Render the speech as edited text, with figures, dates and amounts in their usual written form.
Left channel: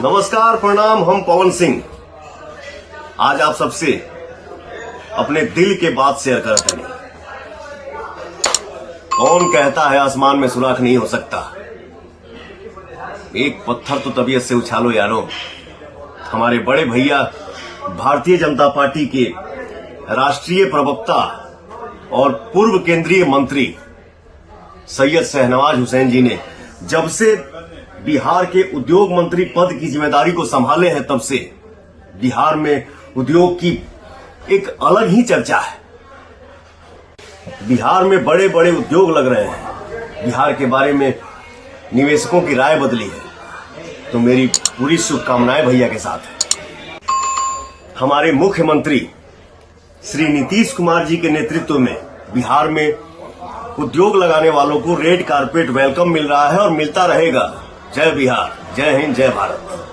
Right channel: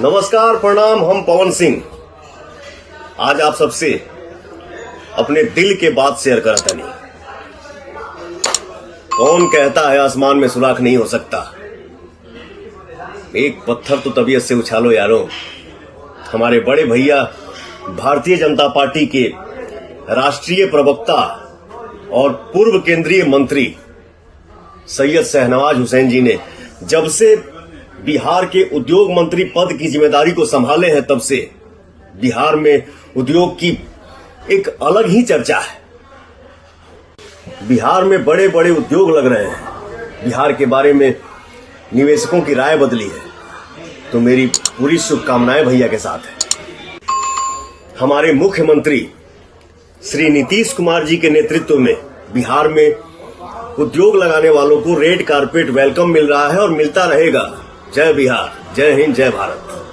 नमस्कार, प्रणाम। हम पवन सिंह आज आप सबसे अपने दिल के बात शेयर करत हनी। कौन कहता है आसमान में सुराख नहीं हो सकता। एक पत्थर तो तबीयत से उछालो यारो। हमारे बड़े भैया भारतीय जनता पार्टी के राष्ट्रीय प्रवक्ता और पूर्व केंद्रीय मंत्री सैयद शहनवाज हुसैन जी ने जब से बिहार के उद्योग मंत्री पद की जिम्मेदारी को संभाले हैं, तब से बिहार में उद्योग की एक अलग ही चर्चा है। बिहार में बड़े बड़े उद्योग लग रहे हैं। बिहार के बारे में निवेशकों की राय बदली है। तो मेरी पूरी शुभकामनाएं भैया के साथ है। हमारे मुख्यमंत्री श्री नीतीश कुमार जी के नेतृत्व में बिहार में उद्योग लगाने वालों को रेड कारपेट वेलकम मिल रहा है और मिलता रहेगा। जय बिहार, जय हिंद, जय भारत।